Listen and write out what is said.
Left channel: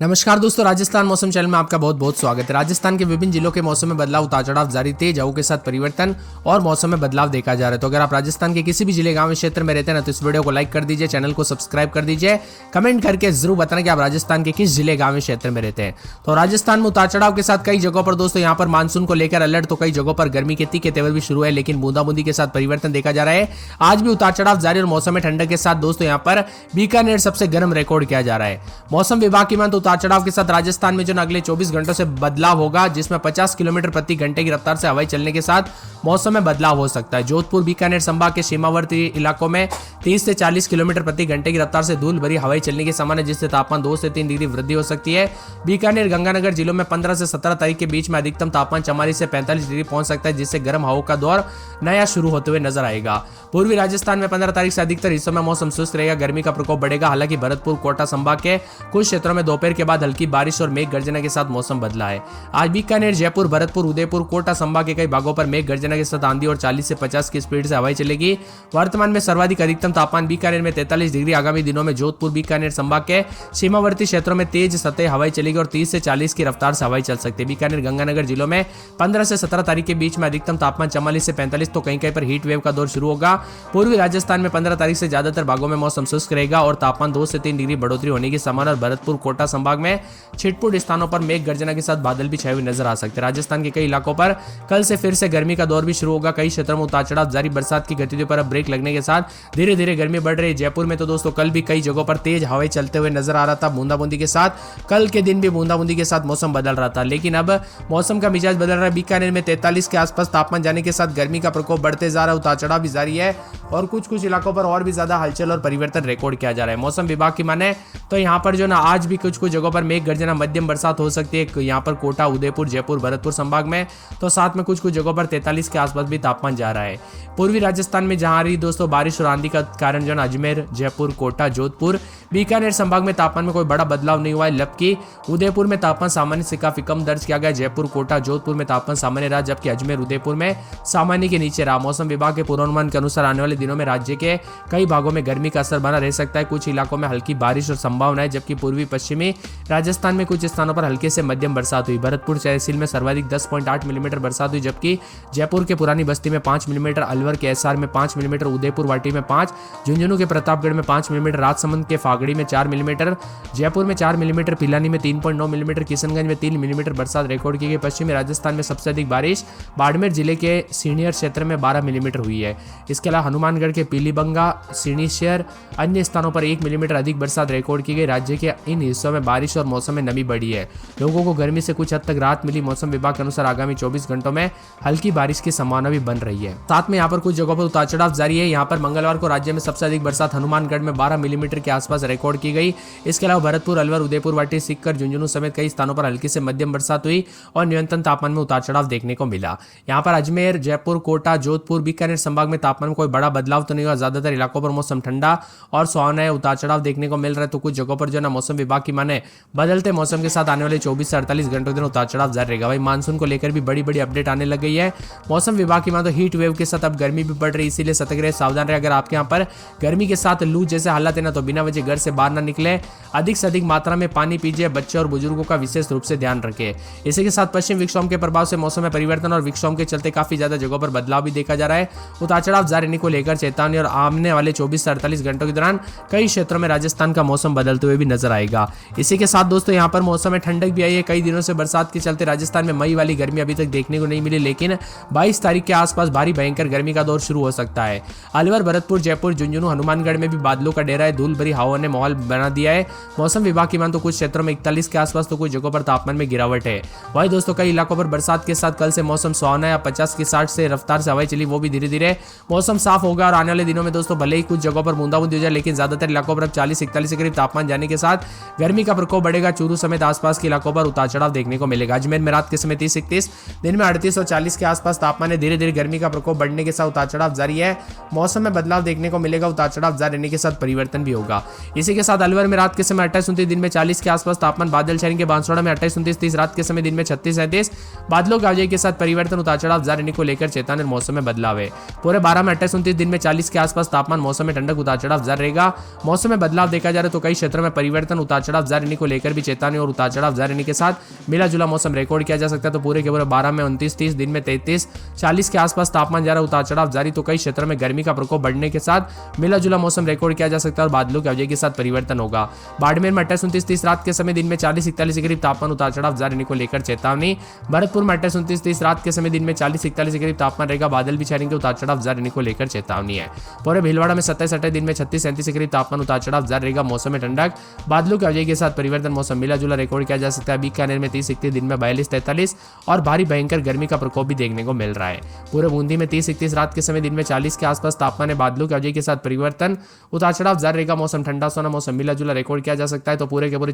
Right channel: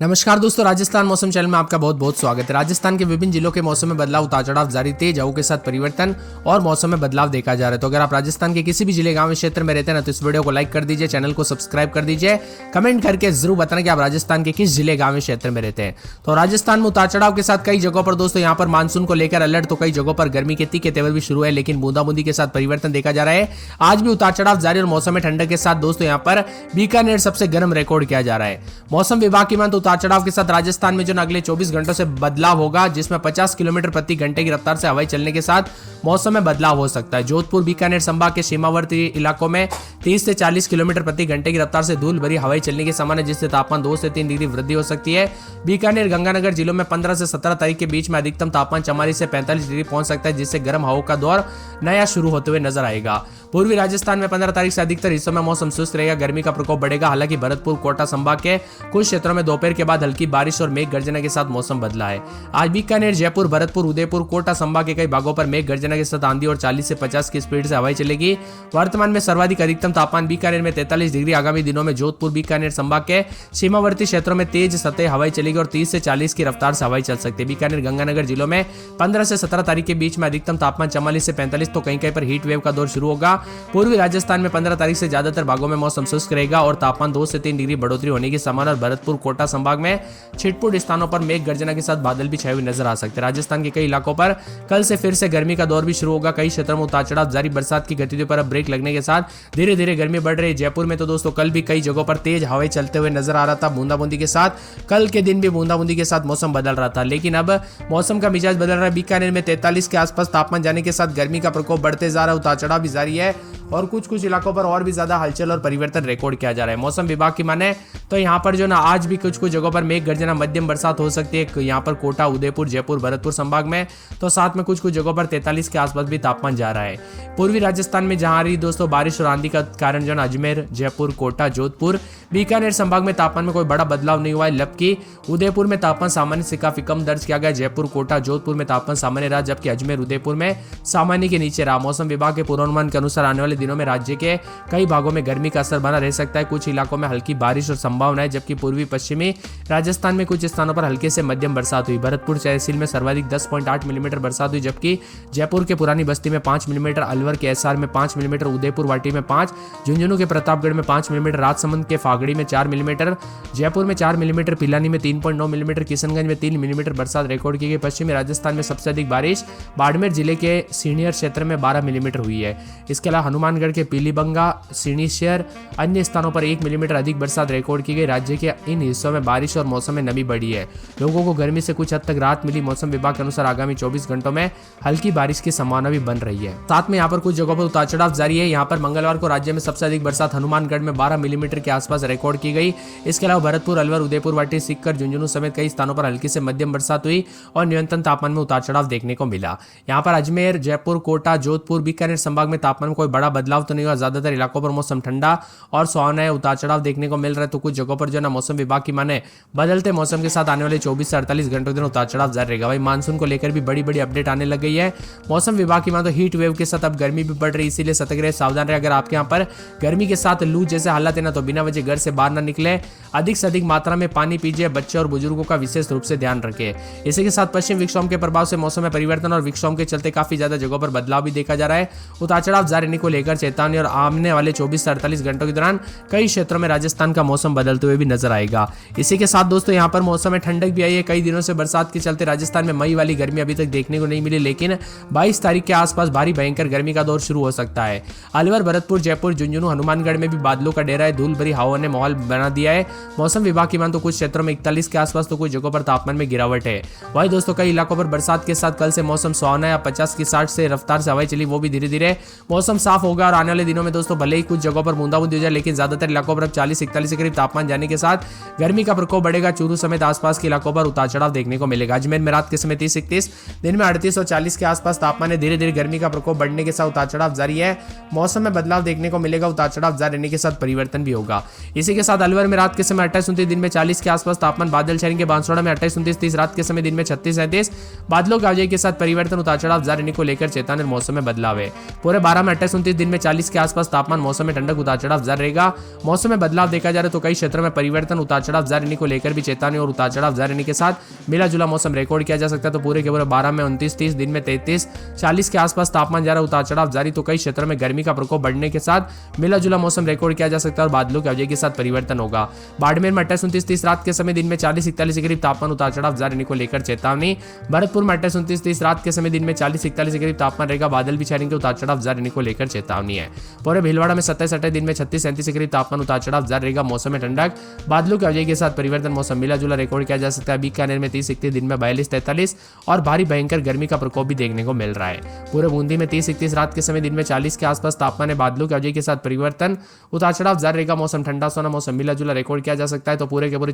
नमस्कार दोस्तों, राजस्थान मौसम चैनल में आपका बहुत बहुत स्वागत है। राजस्थान के विभिन्न जिलों के मौसम में बदलाव, उतार चढ़ाव जारी, तेज हवाओं के साथ परिवर्तन और मौसम में बदलाव देखा जा रहा है। तो अगर आप राजस्थान के किसी भी जिले, गांव, क्षेत्र में रहते हैं ना, तो इस वीडियो को लाइक कर दीजिए, चैनल को सब्सक्राइब कर दीजिए, कमेंट करके जरूर बताना कि आप राजस्थान के किस जिले, गाँव, क्षेत्र में रहते हैं। तो राजस्थान में उतार चढ़ाव के साथ कई जगहों पर दोस्तों यहाँ पर मानसून को लेकर अलर्ट, तो कई जगहों पर गर्मी के तीखे तेवर भी शुरू है, लेकिन बूंदाबूंदी के साथ परिवर्तन देखा जा रहा है। आज भी उतार चढ़ाव जारी और मौसम में ठंडक के साथ दोस्तों यहाँ पर बीकानेर सबसे गर्म रिकॉर्ड किया जा रहा है। मौसम विभाग की माने उतार चढ़ाव के साथ राजस्थान में जो अगले 24 घंटों से बदलाव होगा, जिसमें 50 किलोमीटर प्रति घंटे की रफ्तार से हवाई चलने के साथ मौसम में बदलाव हो सकता है। जोधपुर बीकानेर संभाग के सीमावर्ती इलाकों में 30 से 40 किलोमीटर प्रति घंटे की रफ्तार से धूल भरी हवाई चलने की संभावना, जिससे तापमान 2 से 3 डिग्री वृद्धि हो सकती है। बीकानेर गंगानगर जिलों में 15 से 17 तारीख के बीच में अधिकतम तापमान 44 से 45 डिग्री पहुंच सकता है, जिससे गर्म हवाओं का दौर नया शुरू होते हुए नजर आएगा। पूर्वी राजस्थान में 15 तारीख से अधिकतर हिस्सों में मौसम शुष्क रहेगा, गर्मी का प्रकोप बढ़ेगा। हालांकि भरतपुर, कोटा संभाग के कुछ क्षेत्रों में दोपहर के बाद हल्की बारिश और मेघ गर्जना के साथ मौसम बदला है। आज बीकानेर, जयपुर, भरतपुर, उदयपुर, कोटा संभाग के कई भागों पर मेघ गर्जना के साथ आंधी और 40 से 50 की स्पीड से हवाई चलेगी। वर्तमान में सर्वाधिक अधिकतम तापमान बीकानेर में 43 डिग्री। आगामी दिनों में जोधपुर, बीकानेर संभाग के सीमावर्ती क्षेत्रों में तेज सतह हवाई चलेगी और 30 से 40 की रफ्तार से हवाई चल सकती है। बीकानेर गंगानगर जिलों में 15 से 17 तारीख के बीच में अधिकतम तापमान 44 से 45, तो कहीं कहीं पर हीट वेव का दौर शुरू होगा। पूर्वी राजस्थान में 15 तारीख से ज्यादातर भागों में मौसम शुष्क रहेगा और तापमान 2 से 3 डिग्री बढ़ोतरी होने की संभावना। भरतपुर, कोटा संभाग में छिटपुट स्थानों पर मेघ गर्जना के साथ बादल भी छाए हुए नजर आ सकते हैं। राजस्थान के कई इलाकों पर कल से फिर से गर्मी का दौर भी शुरू होगा। कई क्षेत्रों में उतार चढ़ाव जारी, बरसात की गतिविधियों पर अब ब्रेक लगने के साथ धीरे धीरे गर्मी बढ़ रही है। जयपुर में तो दोस्तों कल भी कई जगहों पर तेज हवाएं चलते हुए नजर आ रहा था, बूंदाबूंदी के साथ। कल के दिन भी बूंदाबूंदी के साथ मौसम बदल रहा था, लेकिन अब मौसम का मिजाज बदल रहा है। बीकानेर में 43 के आसपास तापमान जाने के साथ गर्मी का प्रकोप बढ़ते जा रहा है, उतार चढ़ाव भी जारी है और कुछ इलाकों पर और भी ज्यादा हलचल और परिवर्तन रिकॉर्ड किया जा रहा है। मौसम विभाग की माने तो यहाँ पर जो ना आज भी कुछ जगहों पर मेघ गर्जना, मध्यम बरसात हो सकती है। यहाँ पर कोटा, उदयपुर, जयपुर, भरतपुर संभाग में, तो साथ में कुछ जगहों पर 43 के आसपास भी तापमान जा रहा है। पूर्वी राजस्थान में जहां रही दोस्तों बारिश और आंधी का कारण जो अजमेर, जयपुर, कोटा, जोधपुर, बीकानेर संभाग में तापमान में कोई बड़ा बदलाव नहीं हुआ है। जबकि उदयपुर में तापमान सामान्य से काफी कम दर्ज किया गया। जयपुर, कोटा, जोधपुर में तापमान सामान्य रहा, जबकि अजमेर, उदयपुर में सामान्य के नीचे रहा। मौसम विभाग के पूर्वानुमान के अनुसार आने वाले दिनों में राज्य के कई भागों में गर्मी का असर बना रह सकता है। कुछ इलाकों में हल्की बारिश और संभावना है, जबकि पूर्वी पश्चिमी राजस्थान में कुछ स्थानों पर हल्के से मध्यम बरसात हुई। भरतपुर, तहसील में सर्वाधिक 10.8 मिलीमीटर बरसात हुई, जबकि जयपुर के पुरानी बस्ती में 5 मिलीमीटर, अलवर के एसआर में 5 मिलीमीटर, उदयपुर वाटी में 5, झुंझुनू के प्रतापगढ़ में 5 मिलीमीटर, राजसमंद के फागड़ी में 4 मिलीमीटर, जयपुर में 4 मिलीमीटर, पिलानी में 3.9 मिलीमीटर, किशनगंज में 3 मिलीमीटर बरसात रिकॉर्ड की गई। पश्चिमी राजस्थान में सबसे अधिक बारिश बाड़मेर जिले के सीनियर क्षेत्र में 12 मिलीमीटर हुई है। इसके अलावा हनुमानगढ़ के पीलीबंगा, सीनीशहर, अन्य स्थानों पर 1 मिलीमीटर अधिक बरसात रिकॉर्ड की गई। राज्य के इन हिस्सों में बारिश और मौसम में नमी बढ़ी है, लोगों को गर्मी से कुछ हद तक राहत मिली। मौसम विभाग के अनुसार आगामी 24 घंटों में हल्की बारिश की संभावना भी बन रही है। साथ में यहाँ पर कुछ जगहों पर उतार चढ़ाव जारी है। यहाँ पर मंगलवार को राज्य में सबसे अधिक बरसात हनुमानगढ़ में 12 मिलीमीटर के आसपास रिकॉर्ड की गई। इसके अलावा भरतपुर, अलवर, उदयपुर वाटी, सीकर, झुंझुनू समेत कई स्थानों पर हल्की से मध्यम बरसात हुई और न्यूनतम तापमान में उतार चढ़ाव देखने को मिला। यहाँ पर अजमेर, जयपुर, कोटा, जोधपुर, बीकानेर संभाग में तापमान में कोई बड़ा बदलाव तो नहीं हुआ। ज्यादातर इलाकों पर मौसम ठंडा और सुहावना है, उतार चढ़ाव देखने को मिल रहा है। तो कुछ जगहों पर जो ना मौसम विभाग की माने बदलते मौसम के साथ आने वाले 24 से 48 घंटों के उतार चढ़ाव जारी रहेगा। भाई मानसून को लेकर भी बड़ी बड़ी अपडेट आने लग गई है। मौसम विभाग की माने तो हीट वेव के साथ अब गर्मी भी बढ़ रही है, इसीलिए सतर्क रहे, सावधान रहे। अगर आपके यहाँ पर गर्मी के साथ लू जैसे हालात है ना, तो बिना वजह घर से बाहर ना निकले, अधिक से अधिक मात्रा में पानी पीजिए, बच्चे और बुजुर्गों का विशेष रूप से ध्यान रखें। इसी के साथ पश्चिम विक्षोभ के प्रभाव से मौसम में परिवर्तन और विक्षोभ के चलते काफी ज्यादा जगहों पर बदलाव भी देखा जा रहा है। उतार चढ़ाव जारी रहने को लेकर चेतावनी और आने वाले 24 से 48 घंटों के दौरान कई क्षेत्रों में राजस्थान का मौसम बदलते हुए भी नजर आएगा। इसी के साथ दोस्तों यहाँ पर मौसम में ठंडक भी आई है। कई दिनों से बरसात के चलते राजस्थान में मई वाली गर्मी अभी तक देखने को नहीं मिली, लेकिन 22 तारीख के आसपास भारी भयंकर गर्मी का दौर शुरू हो सकता है। अलवर, भरतपुर, जयपुर, झुंझुनू, हनुमानगढ़ में भी बादलों का डेरा है, धूल भरी हवाओं ने माहौल बना दिया है। मौसम विभाग की मान तो कुछ क्षेत्रों में 41 के आसपास, तो कुछ जगहों पर तापमान में गिरावट है। वहीं दोस्तों कई इलाकों पर बरसात के साथ कल से मौसम सुहावना है। 50 के 60 से रफ्तार से हवाएं चली, वो भी धीरे धीरे मौसम साफ होगा और आने वाले दिनों में दोस्तों भले ही कुछ जगहों पर बूंदाबूंदी हो जाए, लेकिन ज्यादातर इलाकों पर 40-41 के करीब तापमान जाने के साथ गर्मी का प्रकोप बढ़ेगा। चूरू समेत आसपास के इलाकों पर उतार चढ़ाव देखने को मिलेगा। अजमेर में रात के समय 30-31, दिन में 38 और 40 के आसपास तापमान है। धीरे धीरे गर्मी का प्रकोप बढ़ने के साथ उतार चढ़ाव जारी है। मौसम में बदलाव देखने को मिलेगा, उतार चढ़ाव जारी रहने के साथ परिवर्तन भी होगा। इसी के साथ अलवर में रात के समय 28-29, दिन में 40 के आसपास तापमान, बादल छाएंगे। बांसवाड़ा में 28-29, रात के समय दिन में 36-37, बादलों की वजह के साथ परिवर्तन, उतार चढ़ाव जारी रहने को लेकर चेतावनी, मौसम में बदलाव है। पूरे 12 में 28-29, दिन में 40 के आसपास तापमान, मौसम में ठंडक, उतार चढ़ाव जारी रहेगा। मौसम में बदलाव देखा जा रहा है, तो कई क्षेत्रों में परिवर्तन, उतार चढ़ाव जारी रहने को लेकर भी चेतावनी और उतार चढ़ाव जारी रहने के साथ मिला जुला मौसम रिकॉर्ड किया जा सकता है। तो पूरे के पूरे 12 में 29, 30 दिन में 33, 40 के आसपास तापमान जा रहा है, उतार चढ़ाव जारी। तो कई क्षेत्रों में गर्मी का प्रकोप बढ़ने के साथ मिला जुला मौसम रिकॉर्ड किया जा सकता है और बादलों की अवधि के साथ परिवर्तन होगा। बाड़मेर में 28, 29, 30 रात के समय, दिन में 40, 41 के करीब तापमान उतार चढ़ाव जारी रहने को लेकर चेतावनी। भरतपुर में 28, 29, 30 रात के समय, दिन में 40, 41 के करीब तापमान रहेगा, बादल भी छाएंगे, उतार चढ़ाव जारी रहने को लेकर चेतावनी है। पूरे भीलवाड़ा में 27, 28 दिन में 36, 37 के करीब तापमान उतार चढ़ाव जारी रहेगा, मौसम में ठंडक, बादलों की अवधि के साथ परिवर्तन, मौसम मिला जुला रिकॉर्ड किया जा सकता है। बीकानेर में 30, 31 दिन में 42, 43 और भारी भयंकर गर्मी का प्रकोप भी देखने को मिल रहा है। पूरे बूंदी में 30, 31 रात के समय, दिन में 40 के आसपास तापमान है, बादलों की अवधि के साथ परिवर्तन, उतार चढ़ाव जारी रहेगा, मौसम ठंडा सोना, मौसम मिला जुला रिकॉर्ड किया जा सकता है। तो पूरे के पूरे